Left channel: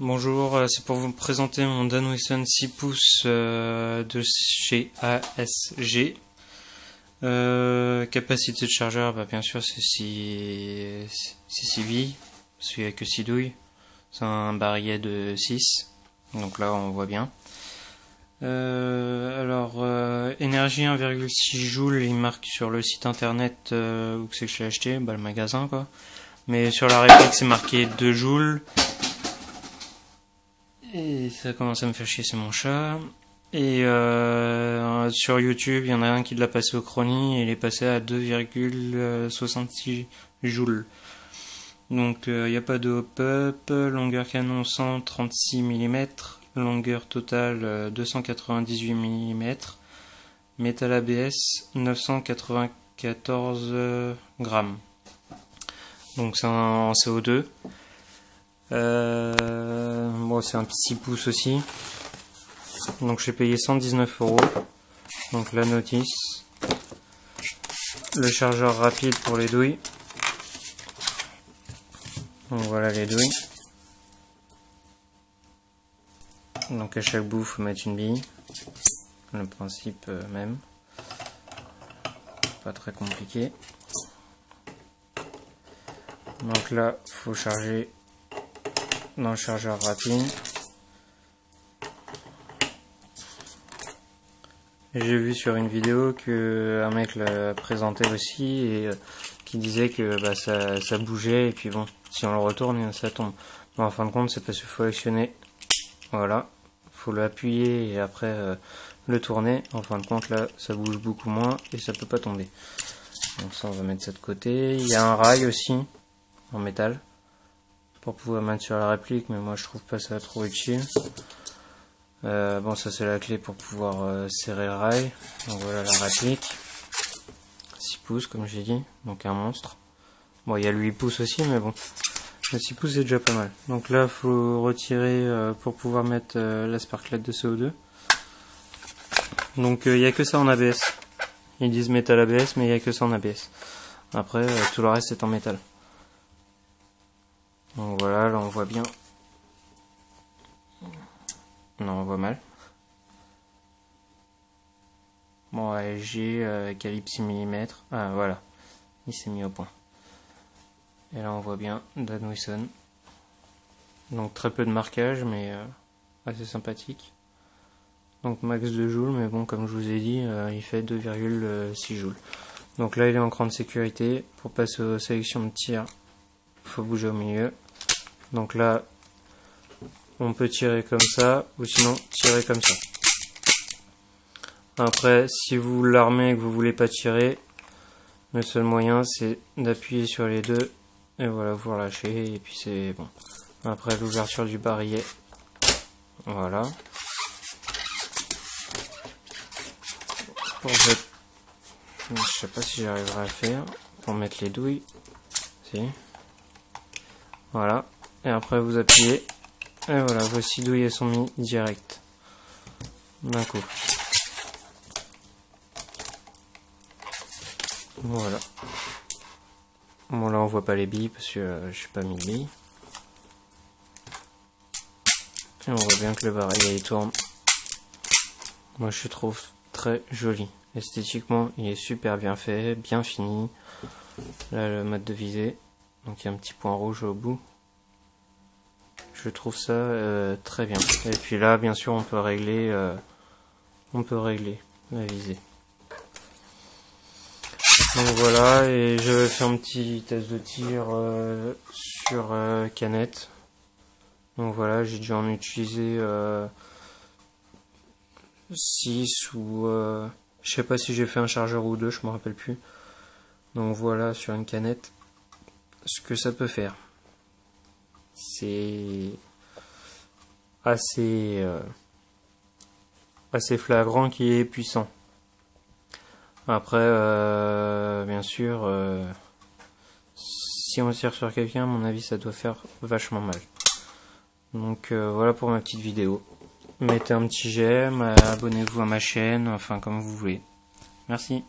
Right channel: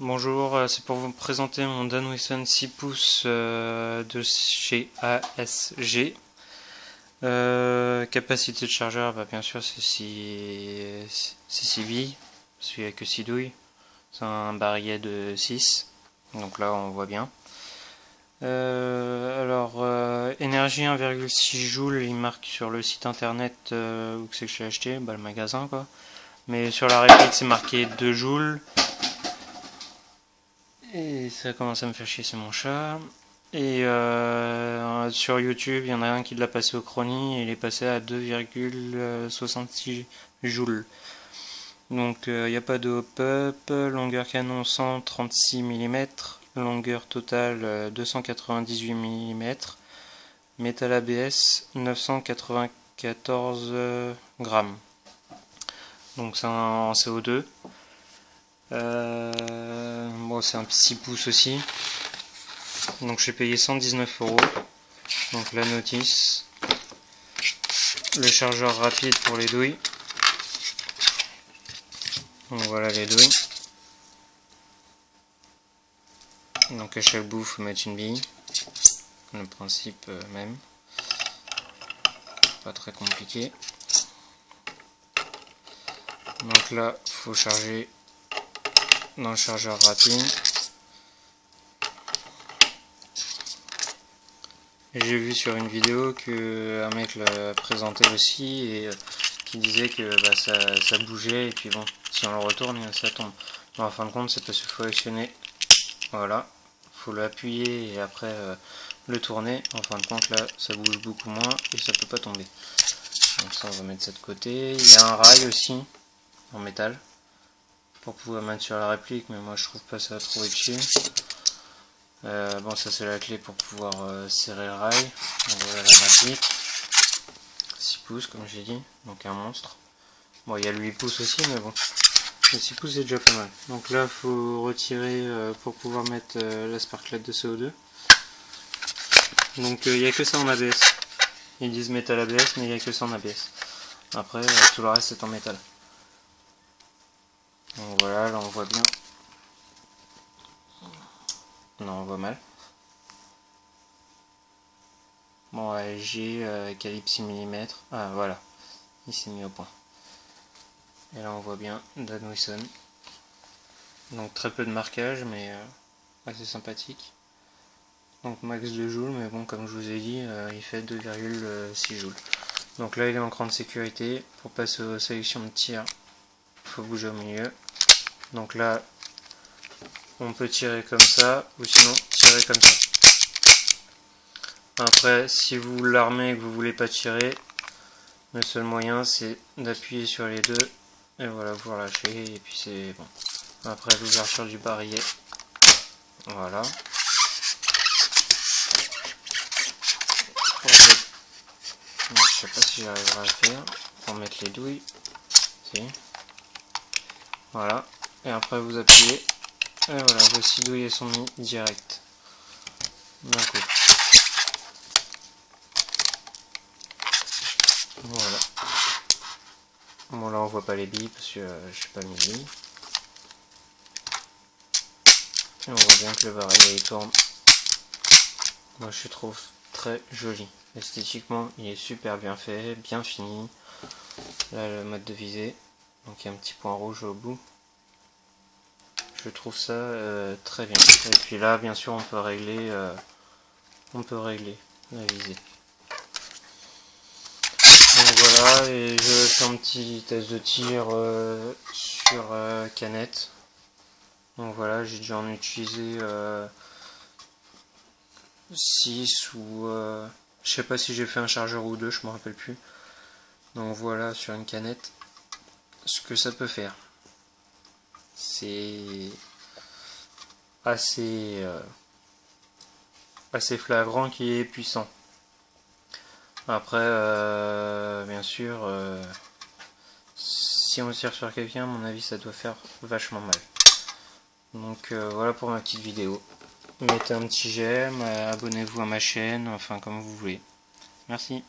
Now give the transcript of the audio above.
Bonjour, c'est pour vous présenter mon Danwisson 6 pouces de chez ASG. Capacité de chargeur, bien sûr c'est 6 billes, parce qu'il n'y a que 6 douilles. C'est un barillet de 6, donc là on voit bien. Énergie 1,6 joules, il marque sur le site internet où c'est que j'ai acheté, le magasin quoi. Mais sur la réplique c'est marqué 2 joules. Et ça commence à me faire chier, c'est mon chat. Et sur YouTube, il y en a un qui l'a passé au chronie et il est passé à 2,66 joules. Donc il n'y a pas de hop-up, longueur canon 136 mm, longueur totale 298 mm, métal ABS 994 grammes. Donc c'est en CO2. Bon, c'est un 6 pouces aussi. Donc j'ai payé 119 €. Donc la notice. Le chargeur rapide pour les douilles. Donc voilà les douilles. Donc à chaque bout, il faut mettre une bille. Le principe même. Pas très compliqué. Donc là, il faut charger dans le chargeur rapide. J'ai vu sur une vidéo que un mec l'a présenté aussi et qui disait que ça bougeait et puis bon, si on le retourne, ça tombe. Bon, en fin de compte, c'est parce qu'il faut actionner. Voilà, faut l'appuyer et après le tourner. En fin de compte, là, ça bouge beaucoup moins et ça peut pas tomber. Donc ça, on va mettre ça de côté. Il y a un rail aussi en métal pour pouvoir mettre sur la réplique, mais moi je trouve pas ça trop utile. Bon, ça c'est la clé pour pouvoir serrer le rail. Donc voilà la réplique. 6 pouces comme j'ai dit, donc un monstre. Bon, il y a le 8 pouces aussi, mais bon, le 6 pouces c'est déjà pas mal. Donc là, faut retirer pour pouvoir mettre la sparklette de CO2. Donc il n'y a que ça en ABS. Ils disent métal ABS, mais il n'y a que ça en ABS. Après, tout le reste est en métal. Donc voilà, là on voit bien. Non, on voit mal. Bon, ASG, calibre 6 mm. Ah, voilà. Il s'est mis au point. Et là, on voit bien Danwisson. Donc, très peu de marquage, mais assez sympathique. Donc, max 2 joules, mais bon, comme je vous ai dit, il fait 2,6 joules. Donc là, il est en grande sécurité. Pour passer aux sélections de tir, il faut bouger au milieu. Donc là, on peut tirer comme ça, ou sinon tirer comme ça. Après, si vous l'armez et que vous voulez pas tirer, le seul moyen c'est d'appuyer sur les deux et voilà, vous relâchez et puis c'est bon. Après l'ouverture du barillet, voilà. Pour mettre, je sais pas si j'arriverai à le faire, pour mettre les douilles, si. Voilà, et après vous appuyez et voilà, vos 6 douilles elles sont mises direct d'un coup. Voilà. Bon là on voit pas les billes parce que j'ai pas mis de billes. Et on voit bien que le barillet il tourne. Moi je trouve très joli. Esthétiquement il est super bien fait, bien fini. Là le mode de visée. Donc il y a un petit point rouge au bout. Je trouve ça très bien. Et puis là bien sûr on peut régler la visée. Donc voilà, et je fais un petit test de tir sur canette. Donc voilà, j'ai dû en utiliser 6 ou je sais pas si j'ai fait un chargeur ou deux, je me rappelle plus. Donc voilà, sur une canette, ce que ça peut faire. C'est assez flagrant qui est puissant. Après, bien sûr, si on tire sur quelqu'un, à mon avis, ça doit faire vachement mal. Donc voilà pour ma petite vidéo. Mettez un petit j'aime, abonnez-vous à ma chaîne, enfin comme vous voulez. Merci.